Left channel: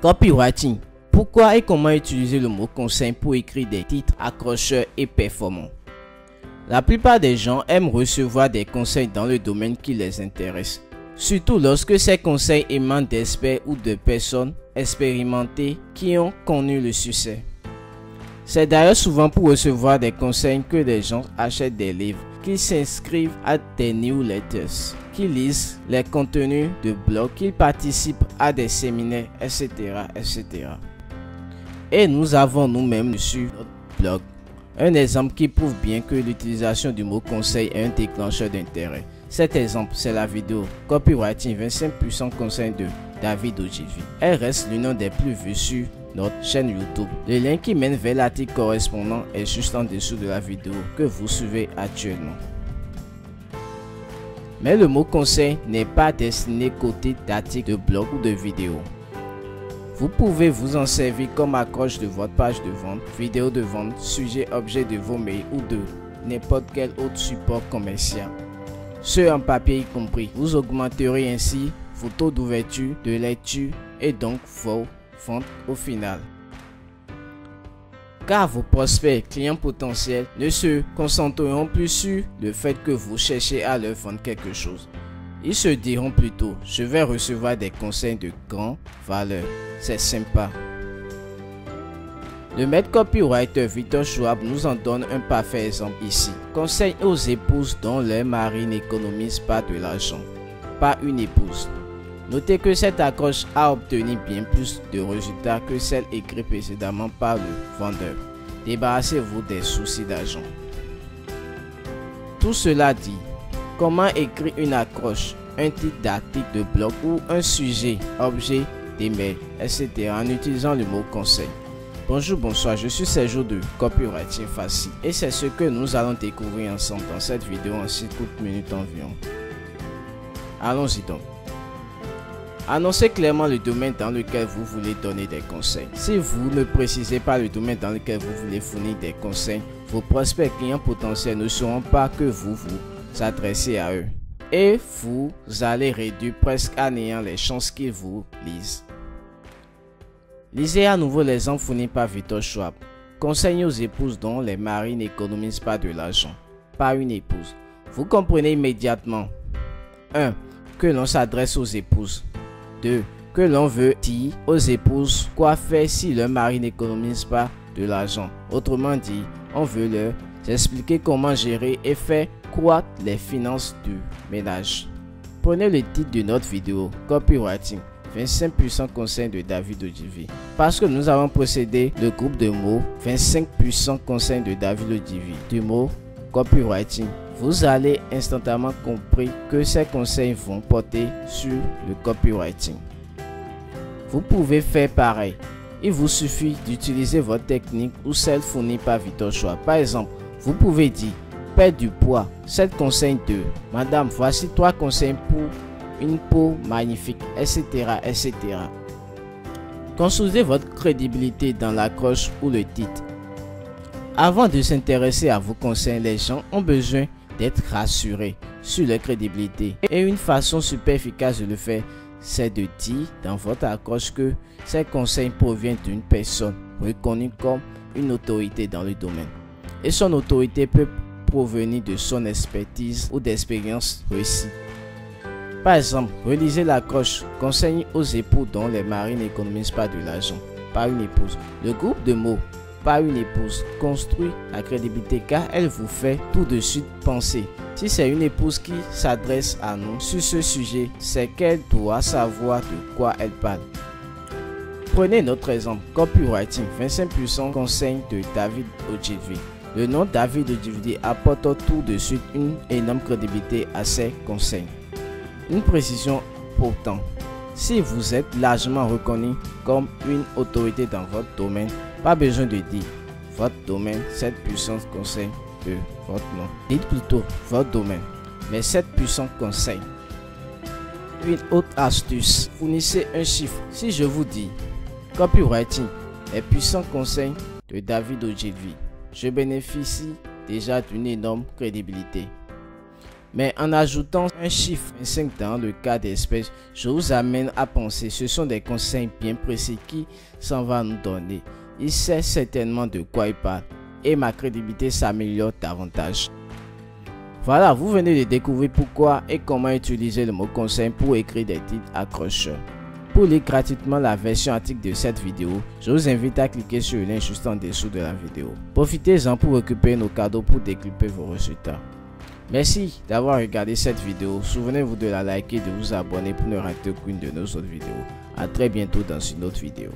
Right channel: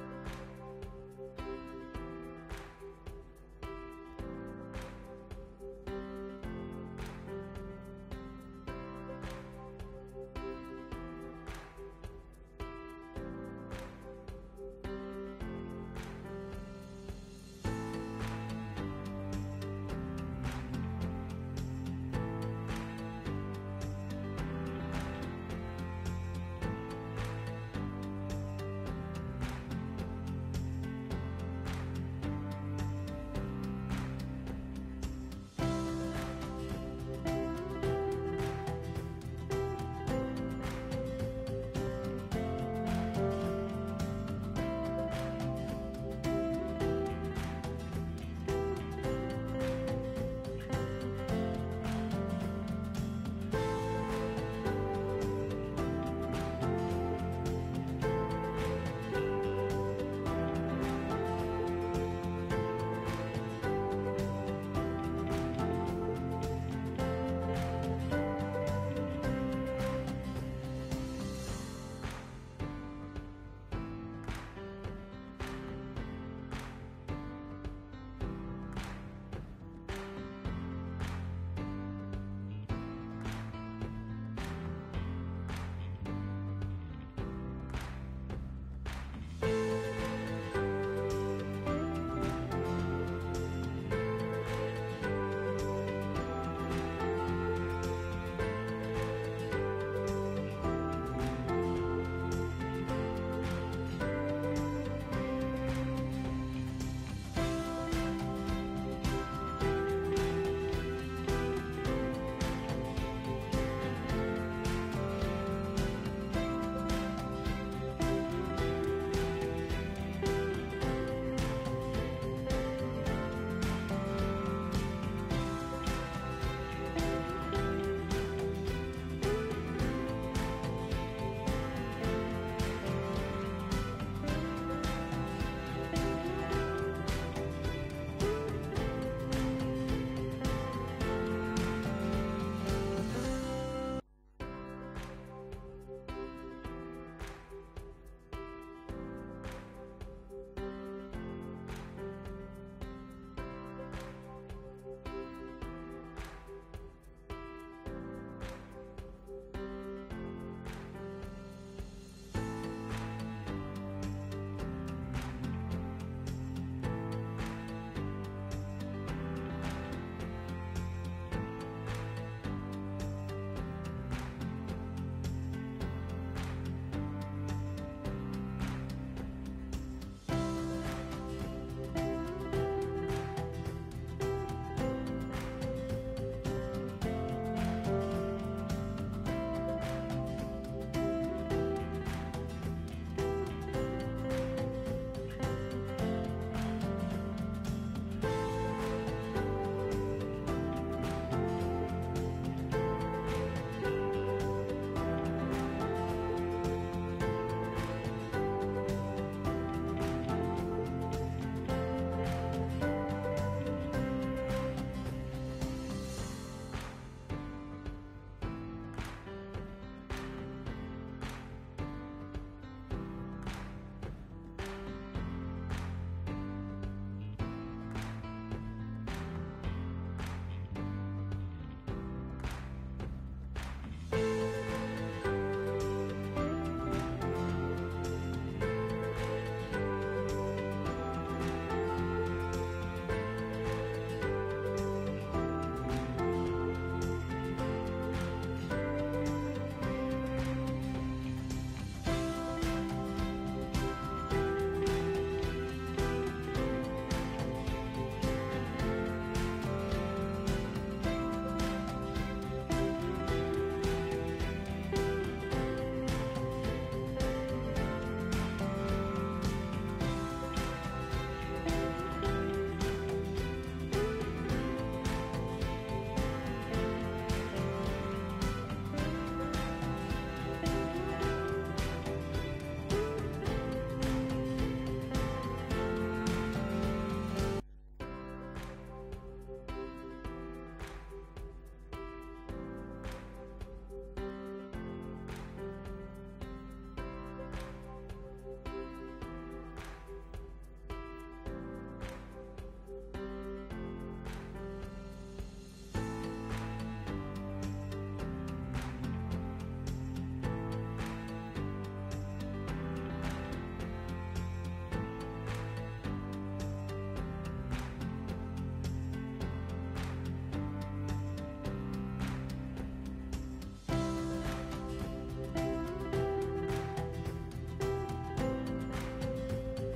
Copywriting. Pourquoi et comment utiliser le mot conseil pour écrire des titres accrocheurs et performants? La plupart des gens aiment recevoir des conseils dans le domaine qui les intéresse, surtout lorsque ces conseils émanent d'experts ou de personnes expérimentées qui ont connu le succès. C'est d'ailleurs souvent pour recevoir des conseils que les gens achètent des livres, qu'ils s'inscrivent à des newsletters, qu'ils lisent les contenus de blogs, qu'ils participent à des séminaires, etc., etc. Et nous avons nous-mêmes sur notre blog un exemple qui prouve bien que l'utilisation du mot conseil est un déclencheur d'intérêt. Cet exemple, c'est la vidéo Copywriting 25 puissants conseils de David Ogilvy. Elle reste l'une des plus vues sur notre chaîne YouTube. Le lien qui mène vers l'article correspondant est juste en dessous de la vidéo que vous suivez actuellement. Mais le mot conseil n'est pas destiné côté d'articles de blog ou de vidéos. Vous pouvez vous en servir comme accroche de votre page de vente, vidéo de vente, sujet objet de vos mails ou de n'importe quel autre support commercial. Ce en papier y compris. Vous augmenterez ainsi vos taux d'ouverture, de lecture et donc vos ventes au final. Car vos prospects clients potentiels ne se concentreront plus sur le fait que vous cherchez à leur vendre quelque chose. Ils se diront plutôt, je vais recevoir des conseils de grande valeur. C'est sympa. Le maître copywriter Victor Schwab nous en donne un parfait exemple ici. Conseil aux épouses dont leur mari n'économise pas de l'argent. Pas une épouse. Notez que cette accroche a obtenu bien plus de résultats que celle écrite précédemment par le vendeur. Débarrassez-vous des soucis d'argent. Tout cela dit, comment écrire une accroche, un titre d'article de blog ou un sujet, objet, d'email, etc. en utilisant le mot conseil. Bonjour, bonsoir, je suis Sergio de Copywriting Facile et c'est ce que nous allons découvrir ensemble dans cette vidéo en 6 courtes minutes environ. Allons-y donc. Annoncez clairement le domaine dans lequel vous voulez donner des conseils. Si vous ne précisez pas le domaine dans lequel vous voulez fournir des conseils, vos prospects clients potentiels ne sauront pas que vous vous adressez à eux. Et vous allez réduire presque à néant les chances qu'ils vous lisent. Lisez à nouveau l'exemple fourni par Victor Schwab. Conseil aux épouses dont les maris n'économisent pas de l'argent. Pas une épouse. Vous comprenez immédiatement. 1. Que l'on s'adresse aux épouses. 2. Que l'on veut dire aux épouses quoi faire si leur mari n'économise pas de l'argent. Autrement dit, on veut leur expliquer comment gérer et faire croître les finances du ménage. Prenez le titre de notre vidéo Copywriting 25 puissants conseils de David Ogilvy. Parce que nous avons procédé le groupe de mots 25 puissants conseils de David Ogilvy du mot Copywriting. Vous allez instantanément comprendre que ces conseils vont porter sur le copywriting. Vous pouvez faire pareil. Il vous suffit d'utiliser votre technique ou celle fournie par Victor Schwab. Par exemple, vous pouvez dire perdre du poids, 7 conseils de Madame, voici 3 conseils pour une peau magnifique, etc., etc. Construisez votre crédibilité dans l'accroche ou le titre. Avant de s'intéresser à vos conseils, les gens ont besoin d'être rassurés sur leur crédibilité. Et une façon super efficace de le faire, c'est de dire dans votre accroche que ces conseils proviennent d'une personne reconnue comme une autorité dans le domaine. Et son autorité peut provenir de son expertise ou d'expérience réussie. Par exemple, relisez l'accroche « Conseil aux époux dont les maris n'économisent pas de l'argent. Pas une épouse ». Le groupe de mots « pas une épouse » construit la crédibilité car elle vous fait tout de suite penser. Si c'est une épouse qui s'adresse à nous sur ce sujet, c'est qu'elle doit savoir de quoi elle parle. Prenez notre exemple Copywriting 25 puissants conseils de David Ogilvy. Le nom David Ogilvy apporte tout de suite une énorme crédibilité à ses conseils. Une précision pourtant, si vous êtes largement reconnu comme une autorité dans votre domaine, pas besoin de dire votre domaine, 7 puissants conseils de votre nom. Dites plutôt votre domaine, mais 7 puissants conseils. Une autre astuce, fournissez un chiffre. Si je vous dis Copywriting, les puissants conseils de David Ogilvy, je bénéficie déjà d'une énorme crédibilité. Mais en ajoutant un chiffre 5 dans le cas d'espèce, je vous amène à penser, ce sont des conseils bien précis qui s'en va nous donner. Il sait certainement de quoi il parle et ma crédibilité s'améliore davantage. Voilà, vous venez de découvrir pourquoi et comment utiliser le mot conseil pour écrire des titres accrocheurs. Pour lire gratuitement la version article de cette vidéo, je vous invite à cliquer sur le lien juste en dessous de la vidéo. Profitez-en pour récupérer nos cadeaux pour décupler vos résultats. Merci d'avoir regardé cette vidéo. Souvenez-vous de la liker et de vous abonner pour ne rater aucune de nos autres vidéos. A très bientôt dans une autre vidéo.